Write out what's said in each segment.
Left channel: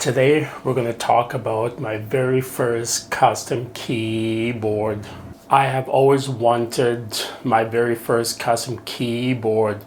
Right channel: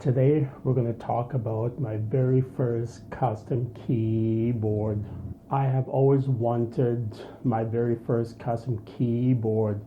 Today we're going to talk about my very first custom keyboard. I have always wanted my very first custom keyboard,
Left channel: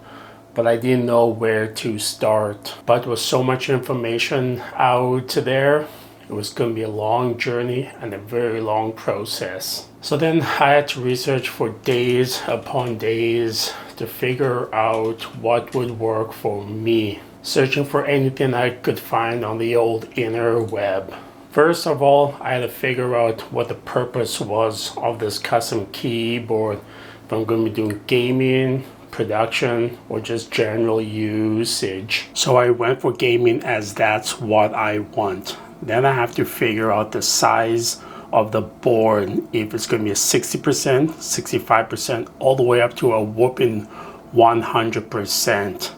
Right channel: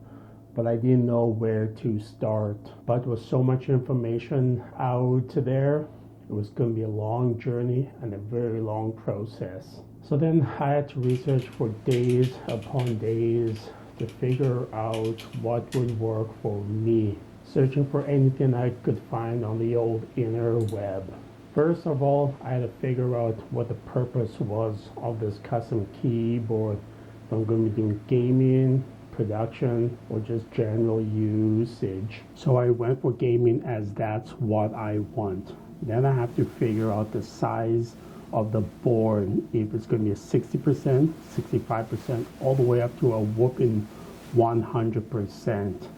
but I didn't know where to start. But with so much information out there, it was going to be a long journey and a very long process. So then I had to research for days upon days to figure out what would work for me, searching for anything I could find on the old interweb. First of all, I had to figure out what the purpose was of this custom keyboard. If I'm going to be doing gaming, production, or just general usage. So I went for gaming as that's what I want. Then I have to figure out the size of the board, if it's going to be a 60%, 65%, all the way up to a whooping 100%.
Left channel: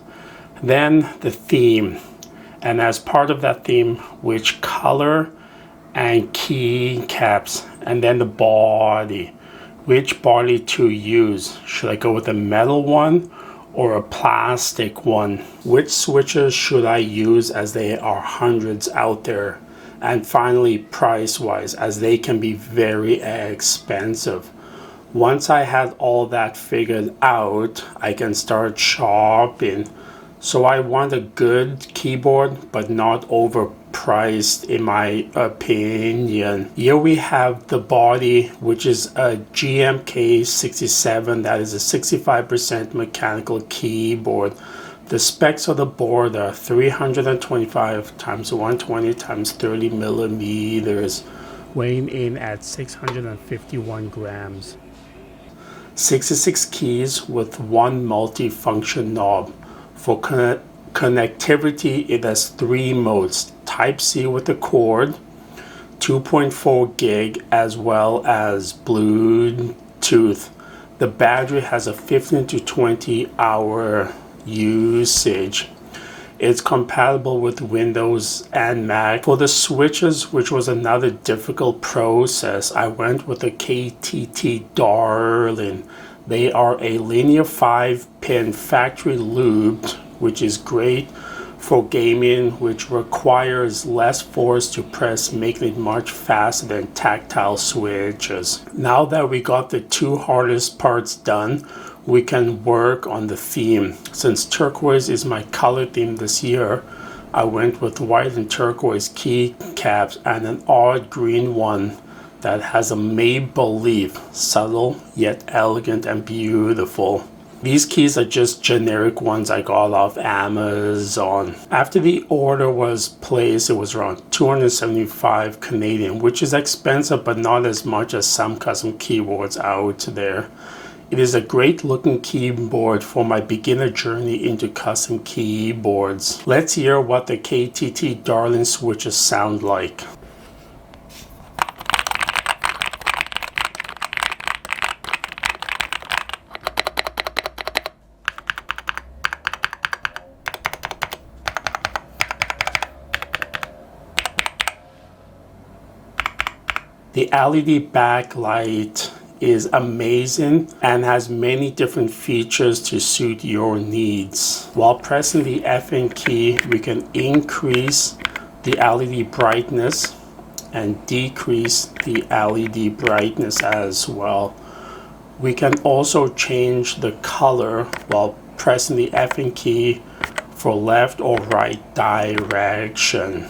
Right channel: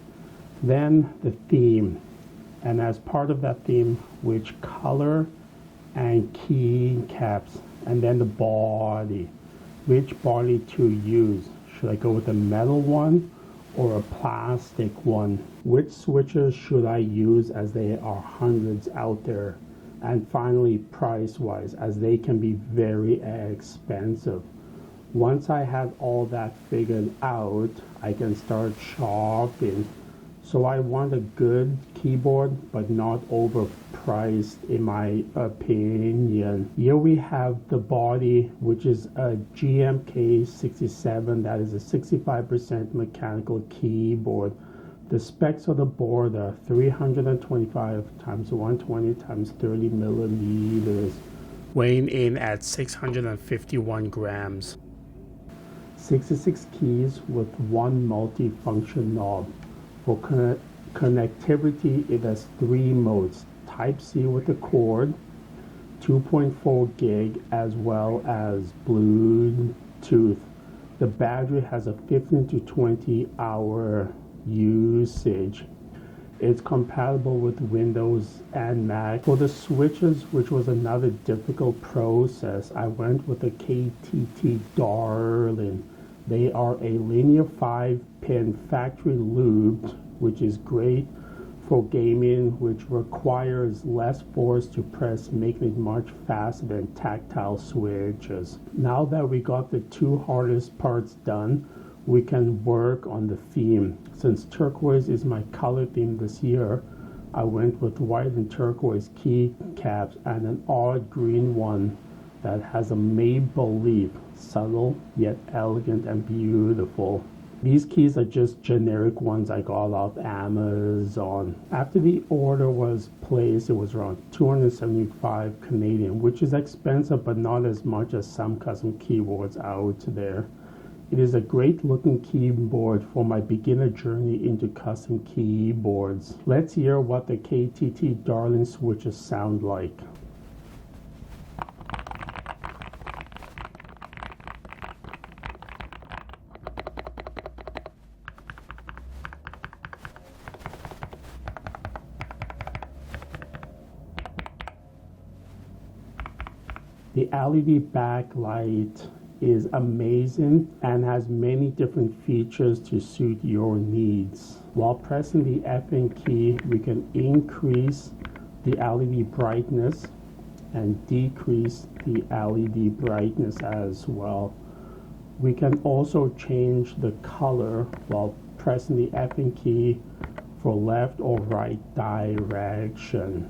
Then the theme, and as part of that theme, which color and keycaps, and then the body, which body to use. Should I go with a metal one or a plastic one? Which switches should I use, as there are hundreds out there? And finally, price-wise, as they can be very expensive. Once I had all that figured out, I can start shopping. So I want a good keyboard, but not overpriced in my opinion. Here we have the body, which is a GMK67. That is a 65% mechanical keyboard. The specs of the board are 325 times 120 times 30 millimeters, weighing in at 651 grams. 66 keys with one multi-function knob. For connectivity, it has 3 modes: Type-C with a cord, 2.4 gig, as well as Bluetooth. The battery has a 15 to 20 hour usage. It's compatible with Windows and Mac. For the switches, which was another difficult process, I went with the KTT Darling. They are a linear 5-pin factory looped, which is great for gaming, which requires less force to press, making it much faster than tactile switches. Now that we got the 2 hardest parts done, we can work on the theme. Since turquoise is my color theme this year, I went with white and turquoise keycaps and an odd green one that has a made-believe, subtle yet elegant and beautiful. These keys are just generic ones I got off Amazon. After the order was placed, it was around 275 Canadian, which is expensive but not as much as some custom keyboards out there. It is a great looking keyboard for my beginner journey into custom keyboards. Let's hear what the KTT Darling switches sound like. The LED backlight is amazing and has many different features to suit your needs. While pressing the FN key, we can increase the LED brightness and decrease the LED brightness as well. We can also change the color while pressing the FN key for left or right direction.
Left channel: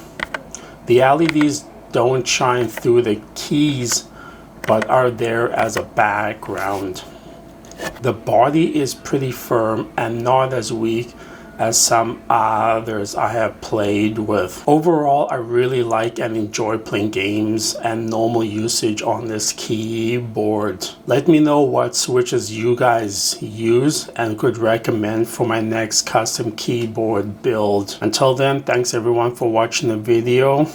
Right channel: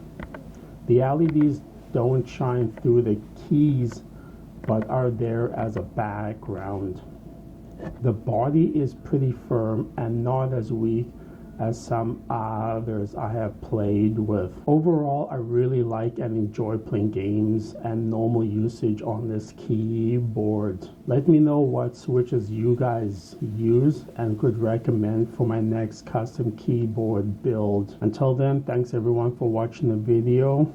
The LEDs don't shine through the keys, but are there as a background. The body is pretty firm and not as weak as some others I have played with. Overall, I really like and enjoy playing games and normal usage on this keyboard. Let me know what switches you guys use and could recommend for my next custom keyboard build. Until then, thanks everyone for watching the video.